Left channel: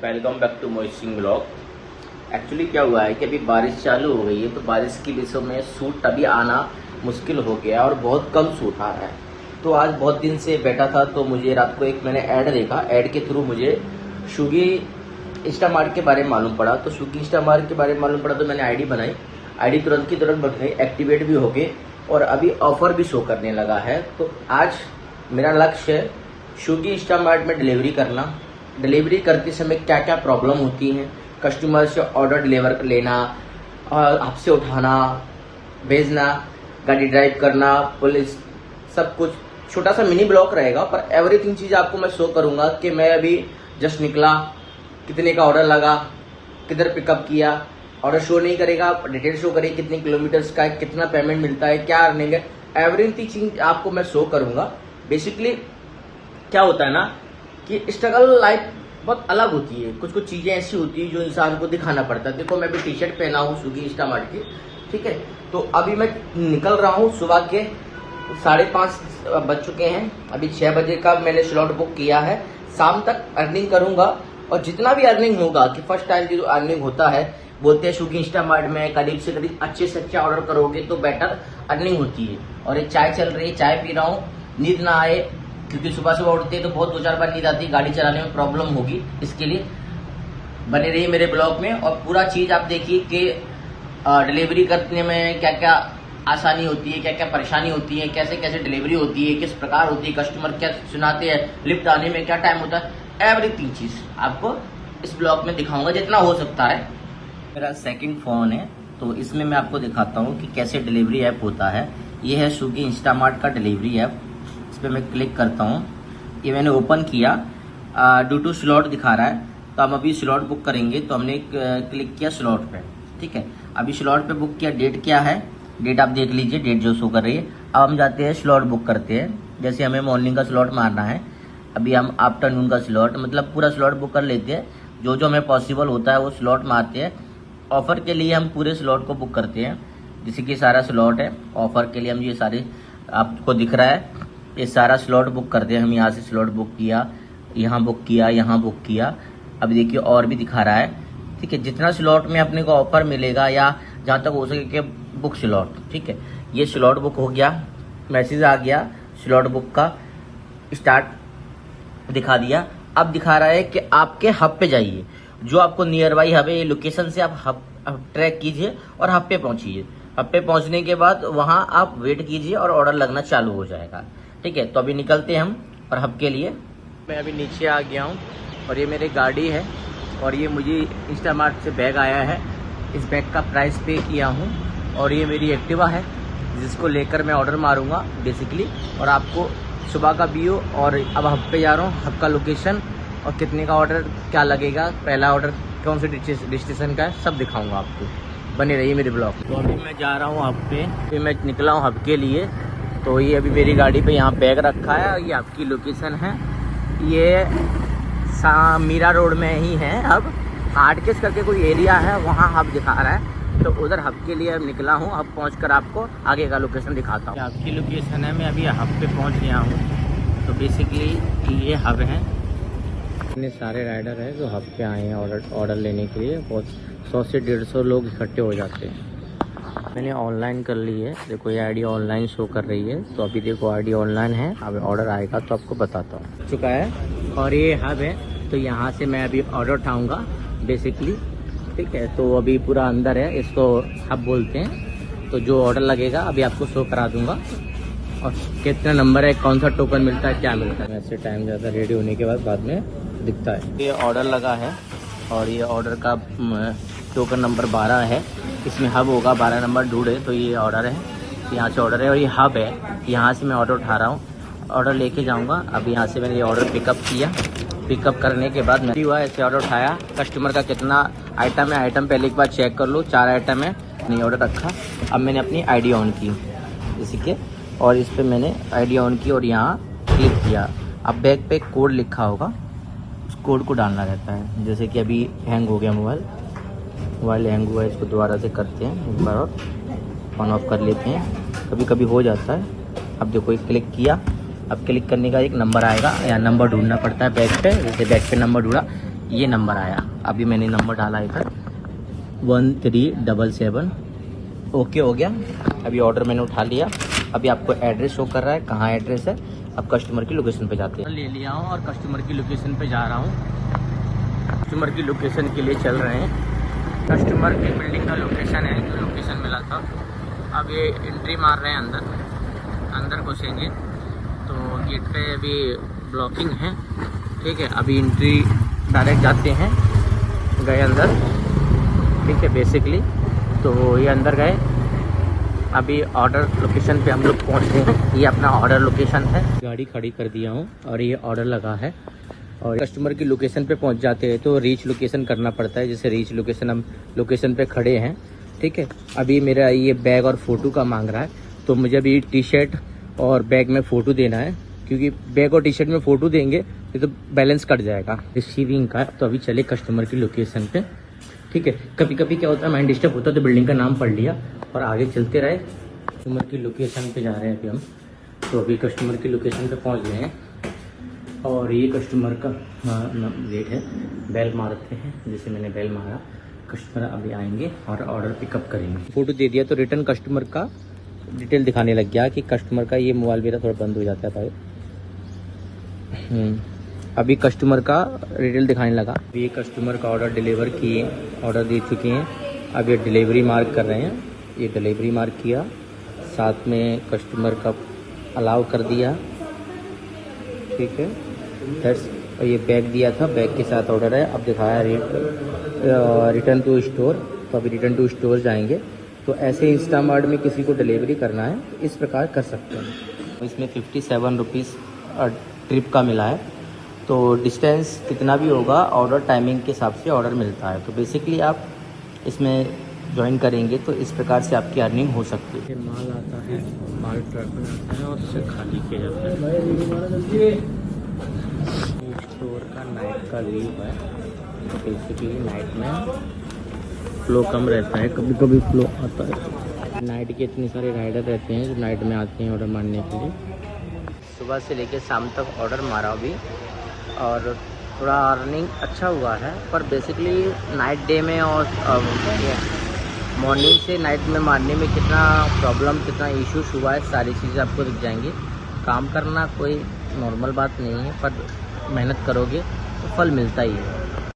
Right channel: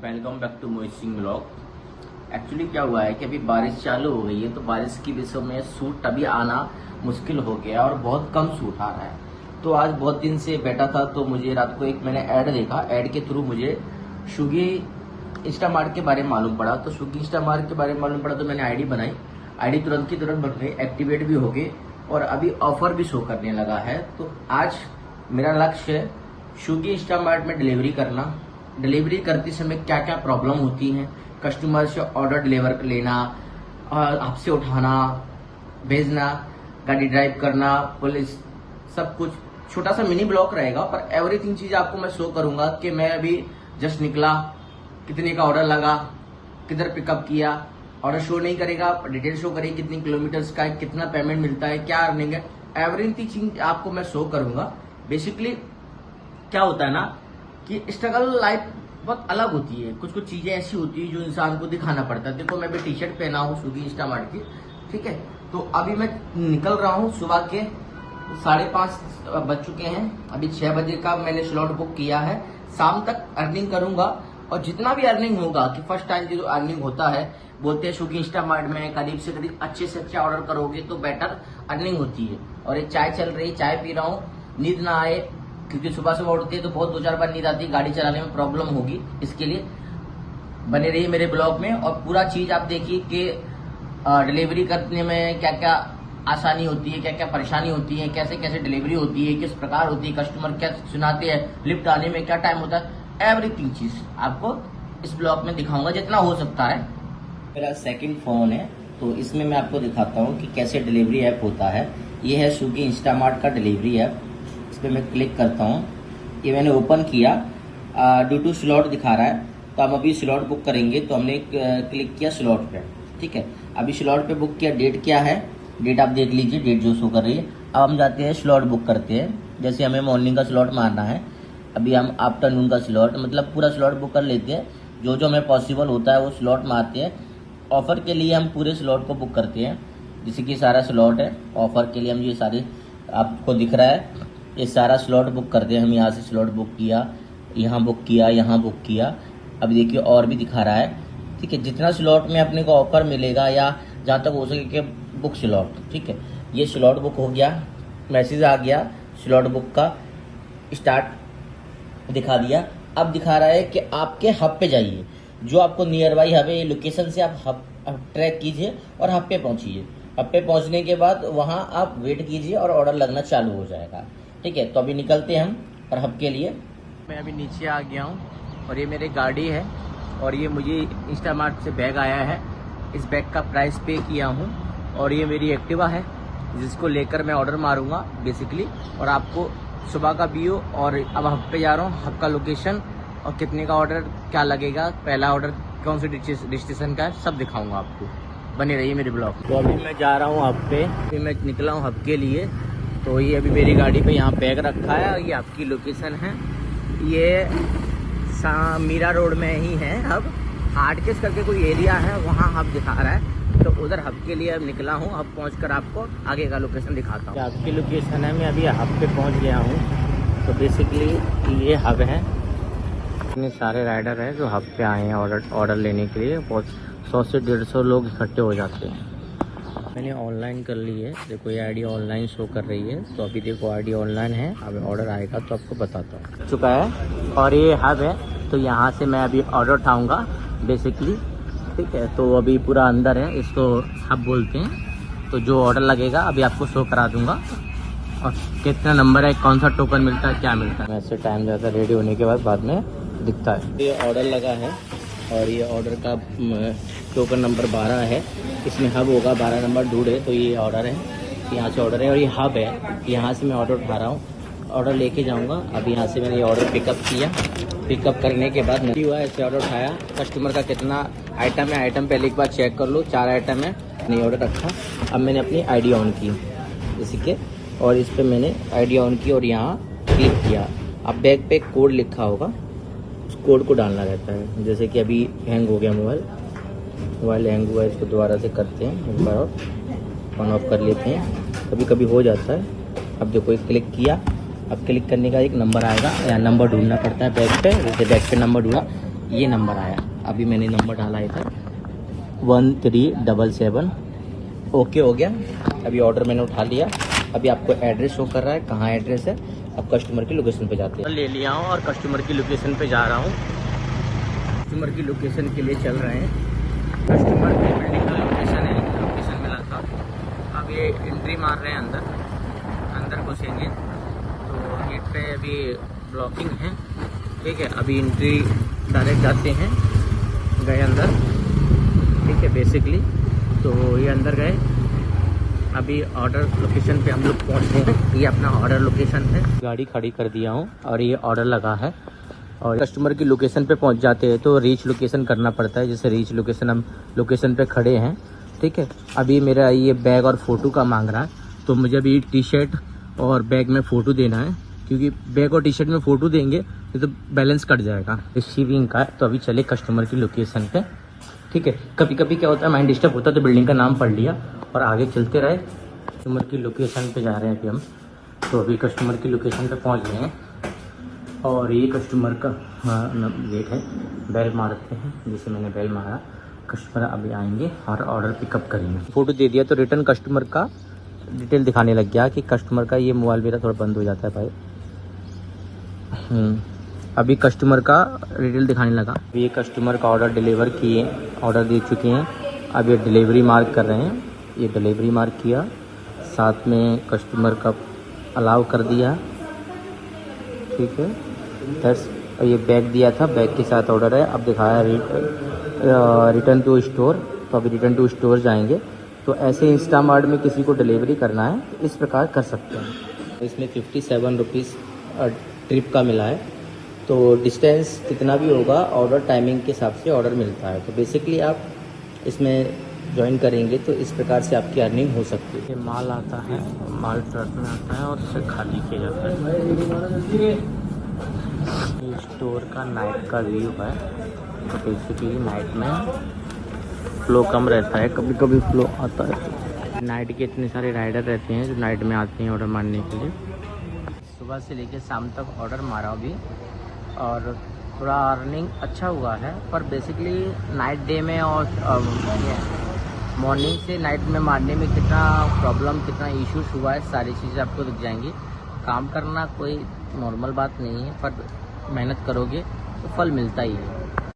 Welcome back to मोइसिंग blog. Actually क्या हुआ है कि अभी बारिश चालू हो गई है, तो बारिश की वजह में सूट अभी आना मुश्किल हो गया और बहुत कम सूट आ रहा है। तो आज बहुत दिन से बैठा था, तो मुझे रात को एक मैंने ऐड देखा। ऐड के थ्रू मुझे स्विगी इंस्टामार्ट के बारे में मालूम पड़ा। तो स्विगी इंस्टामार्ट के बारे में मालूम पड़ा तो मैंने आईडी बनाई। आईडी तुरंत की तुरंत बन गई, एक्टिवेट भी हो गए और अभी ऑफर भी शो करने लगा है। तो आज मेरा लक्ष्य है स्विगी इंस्टामार्ट में डिलीवरी करना। डिलीवरी करते समय क्या क्या प्रॉब्लम होती हैं, कस्टमर से ऑर्डर डिलीवर लेना और आपसे उठाना, भेजना, गाड़ी ड्राइव करना, पुलिस, सब कुछ छोटा सा मिनी ब्लॉग रहेगा, पर एवरीथिंग चीज आपको मैं शो करूंगा कि मैं अभी जस्ट निकला, कितने का ऑर्डर लगा, किधर पिकअप किया। ऑर्डर शो नहीं करेगा, डिटेल शो करेगी कितने किलोमीटर्स का है, कितना पेमेंट मिलता है, क्या अर्निंग है, एवरीथिंग चीज आपको मैं शो करूंगा। बेसिकली क्या होता है ना कि स्ट्रगल लाइफ बहुत अलग होती है। कुछ कुछ चीजें ऐसी होती है जो इंसान को दिखाना पड़ता है। देखो मैं भी टी शर्ट पहना हूँ स्विगी इंस्टामार्ट की, ठीक है। तो अभी मैं निकल रहा हूँ, सुबह के 5:30 बज चुके हैं। अभी 6 बजे का मैंने स्लॉट बुक किया है। शाम तक अर्निंग करूंगा और जितना भी अर्निंग होगा, कि फर्स्ट टाइम जो अर्निंग होता है, बोलते हैं स्विगी इंस्टामार्ट में करीब से करीब अच्छे से अच्छा ऑर्डर करोगे तो बेटर अर्निंग होती है। और ये चाय चल रही है, चाय पी रहा हूँ, नींद ना आए, क्योंकि सुबह सुबह उठते हैं तो बहुत 2-4 बार नींद आती है, गाड़ी चलाने में प्रॉब्लम होगी। इसके लिए बने रहिए मेरे ब्लॉग में और पूरा चीज आप देखिए कि डिलीवरी करने में क्या क्या आसानी होती है, क्या क्या परेशानी होती है, कैसे कैसे डिलीवरी होती है, किस प्रकार होती है, कस्टमर क्या सुनाते हैं, लिफ्ट आने में क्या टाइम होता है, एवरीथिंग चीज आपको इस ब्लॉग में दिखाऊंगा जितना हो सकता है। मेरा सेकंड फोन है, तो इसमें मैं आपको दिखाता हूँ कि कैसे डिलीवरी ऐप होता है। ये है स्विगी इंस्टामार्ट का डिलीवरी ऐप। इस पर मैं क्लिक करता हूँ, ये मैंने ओपन किया, ड्यू टू स्लॉट दिखा रहा है। तो हम अभी स्लॉट बुक करेंगे, तो हमने क्लिक किया स्लॉट पे, ठीक है। अभी स्लॉट पे बुक किया, डेट क्या है, डेट आप देख लीजिए, डेट जो शो कर रही है। अब हम जाते हैं स्लॉट बुक करते हैं। जैसे हमें मॉर्निंग का स्लॉट मारना है, अभी हम आफ्टरनून का स्लॉट, मतलब पूरा स्लॉट बुक कर लेते हैं। जो जो हमें पॉसिबल होता है वो स्लॉट मारते हैं। ऑफर के लिए हम पूरे स्लॉट को बुक करते हैं, जैसे कि सारा स्लॉट है ऑफर के लिए। हम ये सारे आपको दिख रहा है, ये सारा स्लॉट बुक करते हैं। हम यहाँ से स्लॉट बुक किया, यहाँ बुक किया, यहाँ बुक किया। अब देखिए और भी दिखा रहा है, ठीक है। जितना स्लॉट में अपने को ऑफर मिलेगा या जहाँ तक हो सके कि बुक स्लॉट, ठीक है। ये स्लॉट बुक हो गया, मैसेज आ गया स्लॉट बुक का, स्टार्ट दिखा दिया। अब दिखा रहा है कि आपके हब पे जाइए, जो आपको नियर बाई हब है, लोकेशन से आप हब ट्रैक कीजिए और हब पे पहुंचिए। हब पे पहुंचने के बाद वहां आप वेट कीजिए और ऑर्डर लगना चालू हो जाएगा, ठीक है। तो अभी निकलते हैं हम और हब के लिए। मैं अभी नीचे आ गया हूँ और ये मेरी गाड़ी है और ये मुझे इंस्टामार्ट से बैग आया है। इस बैग का प्राइस पे किया हूँ और ये मेरी एक्टिवा है, जिसको लेकर मैं ऑर्डर मारूंगा बेसिकली। और आपको सुबह का व्यू और अब हब पे जा रहा हूँ, हब का लोकेशन और कितने का ऑर्डर क्या लगेगा, पहला ऑर्डर कौन से डिस्टेशन का है, सब दिखाऊंगा आपको। बने रहिए मेरे ब्लॉग। तो अभी मैं जा रहा हूँ हब पे, फिर मैं निकला हूँ हब के लिए। तो ये अभी मेरी गाड़ी पे यहाँ बैग रखा है और ये आपकी लोकेशन है। ये मीरा रोड में ही है हब, आर्टकेस करके कोई एरिया है, वहाँ हब दिखा रहा है। तो उधर हब के लिए अब निकला हूँ। हब पहुँचकर आपको आगे का लोकेशन दिखाता हूँ। आपकी लोकेशन है, मैं अभी हब पे पहुँच गया हूँ। तो बेसिकली ये हब है। इतने सारे राइडर हैं जो हब पे आए हैं ऑर्डर लेने के लिए। बहुत 100 से 150 लोग इकट्ठे हो जाते हैं। मैंने ऑनलाइन कर ली है, देखो ये आईडी ऑनलाइन शो कर रही है। तो अभी देखो आईडी ऑनलाइन है, अब ऑर्डर आएगा तो आपको बताता हूँ। चुका है और ये हब है, तो यहाँ से मैं अभी ऑर्डर उठाऊँगा बेसिकली, ठीक है। तो अभी पूरा अंदर है, इसको हब बोलते हैं। तो जो ऑर्डर लगेगा अभी आपको शो करा दूँगा और कितना नंबर है, कौन सा टोकन मिलता है, क्या मिलता है। वैसे टाइम ज़्यादा रेडी होने के बाद में दिखता है। ये ऑर्डर लगा है और ये ऑर्डर का टोकन नंबर 12 है। इसमें हब होगा, 12 नंबर ढूंढे तो ये ऑर्डर है, यहाँ से ऑर्डर है और ये हब है। यहाँ से मैं ऑर्डर उठा रहा हूँ, ऑर्डर लेके जाऊँगा। अब यहाँ से मैंने ये ऑर्डर पिकअप किया, पिकअप करने के बाद नहीं हुआ, ऐसे ऑर्डर उठाया। कस्टमर का कितना आइटम है, आइटम पहले एक बार चेक कर लो, 4 आइटम है, नहीं ऑर्डर रखा। अब मैंने अपनी आईडी ऑन की जैसे कि, और इस पर मैंने आईडी ऑन की और यहाँ क्लिक किया। अब बैग पे कोड लिखा होगा, उस कोड को डालना रहता है। जैसे कि अभी हैंग हो गया मोबाइल हैंग हुआ है, इसको दोबारा से करते हैं एक बार और ऑन ऑफ कर लेते हैं, कभी कभी हो जाता है। अब देखो क्लिक किया, अब क्लिक करने का एक नंबर आएगा, या नंबर ढूंढना पड़ता है बैग पे। जैसे बैग पे नंबर ढूंढा, ये नंबर आया। अभी मैंने नंबर डाला इधर 1377। ओके हो गया। अभी ऑर्डर मैंने उठा लिया। अभी आपको एड्रेस शो कर रहा है, कहाँ एड्रेस है। अब कस्टमर की लोकेशन पे जाते हैं। ले लिया हूँ और कस्टमर की लोकेशन पे जा रहा हूँ। कस्टमर की लोकेशन के लिए चल रहे हैं। कस्टमर की बिल्डिंग का लोकेशन है, लोकेशन मिला था। अब ये एंट्री मार रहे हैं अंदर घुसेंगे तो गेट पे अभी ब्लॉकिंग है, ठीक है। अभी एंट्री डायरेक्ट जाते हैं, गए अंदर, ठीक है। बेसिकली तो ये अंदर गए। अभी ऑर्डर लोकेशन पे हम लोग पहुँचते हैं। ये अपना ऑर्डर लोकेशन है। गाड़ी खड़ी कर दिया हूँ और ये ऑर्डर लगा है। और कस्टमर की लोकेशन पे पहुँच जाते हैं तो रीच लोकेशन करना पड़ता है। जैसे रीच लोकेशन, हम लोकेशन पे खड़े हैं, ठीक है। अभी मेरा ये बैग और फ़ोटो का मांग रहा है, तो मुझे अभी टी शर्ट और बैग में फ़ोटो देना है, क्योंकि बैग और टी शर्ट में फ़ोटो देंगे तो बैलेंस कट जाएगा। रिसीविंग का तो अभी चले कस्टमर की लोकेशन पे, ठीक है। कभी कभी क्या होता है, माइंड डिस्टर्ब होता है तो बिल्डिंग का नाम पढ़ लिया और आगे चलते रहे। कस्टमर की लोकेशन पे जा रहे हैं अभी हम। तो अभी कस्टमर की लोकेशन पे पहुंच गए हैं और ये कस्टमर का गेट है। बेल मारते हैं, जैसे मैंने बेल मारा, कस्टमर अभी आएंगे और ऑर्डर पिकअप करेंगे। फ़ोटो दे दिया तो रिटर्न कस्टमर का डिटेल दिखाने लग गया कि कस्टमर का ये मोबाइल मेरा थोड़ा बंद हो जाता है भाई। अभी कस्टमर का डिटेल दिखाने लगा। अभी ये कस्टमर का ऑर्डर डिलीवर किए, ऑर्डर दे चुके हैं। अब ये डिलीवरी मार्क कर रहे हैं। ये डिलीवरी मार्क किया, साथ में कस्टमर का अलाउ कर दिया, ठीक है। ये बैग दिया था, बैग के साथ ऑर्डर है। अब दिखाया रिटर्न टू स्टोर, तो अभी रिटर्न टू स्टोर जाएंगे। तो ऐसे इंस्टामार्ट में किसी को डिलीवरी करना है, इस प्रकार कर सकते हैं। तो इसमें 57 रुपीज़ ट्रिप का मिला है। तो डिस्टेंस कितना भी होगा, ऑर्डर टाइमिंग के हिसाब से ऑर्डर मिलता है। तो बेसिकली आप इसमें ज्वाइन करेंगे तो इस प्रकार से आपकी अर्निंग हो सकती है। माल आता है, माल ट्रक में आता है और उसे खाली किया जाता है। स्टोर का नाइट का व्यू है। तो बेसिकली नाइट में फ्लो कम रहता है, कभी कभी फ्लो आता है। नाइट के इतने सारे राइडर रहते हैं जो नाइट में आते हैं ऑर्डर मारने के लिए। सुबह से लेकर शाम तक ऑर्डर मारा अभी और थोड़ा अर्निंग अच्छा हुआ है। पर बेसिकली नाइट डे में और मॉर्निंग से नाइट में मारने में कितना प्रॉब्लम, कितना इश्यूज हुआ है, सारी चीज़ें आपको दिख जाएंगी। काम करना कोई नॉर्मल बात नहीं है, पर मेहनत करोगे तो फल मिलता ही है।